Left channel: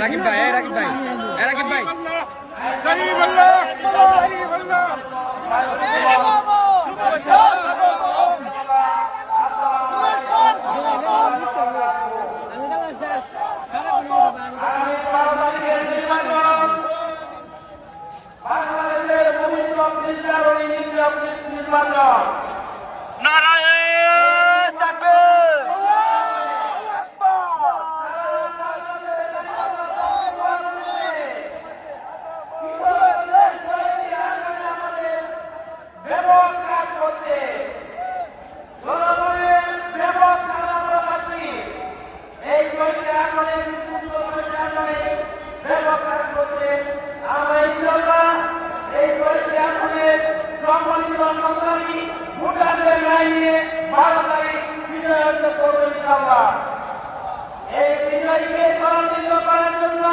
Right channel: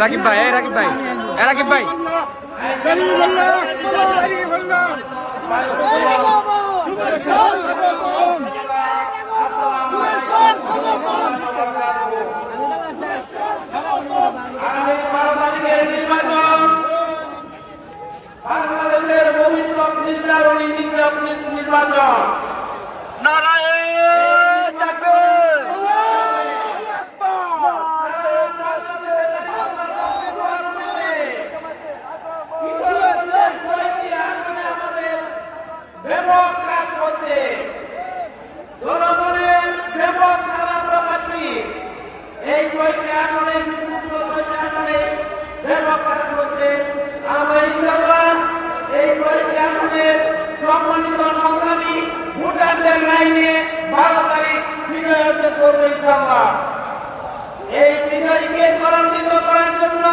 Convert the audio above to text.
রাকিব ভাই, রাকিব ভাই, রাকিব ভাই। এই বিজয়কে ত্বরান্বিত করার জন্য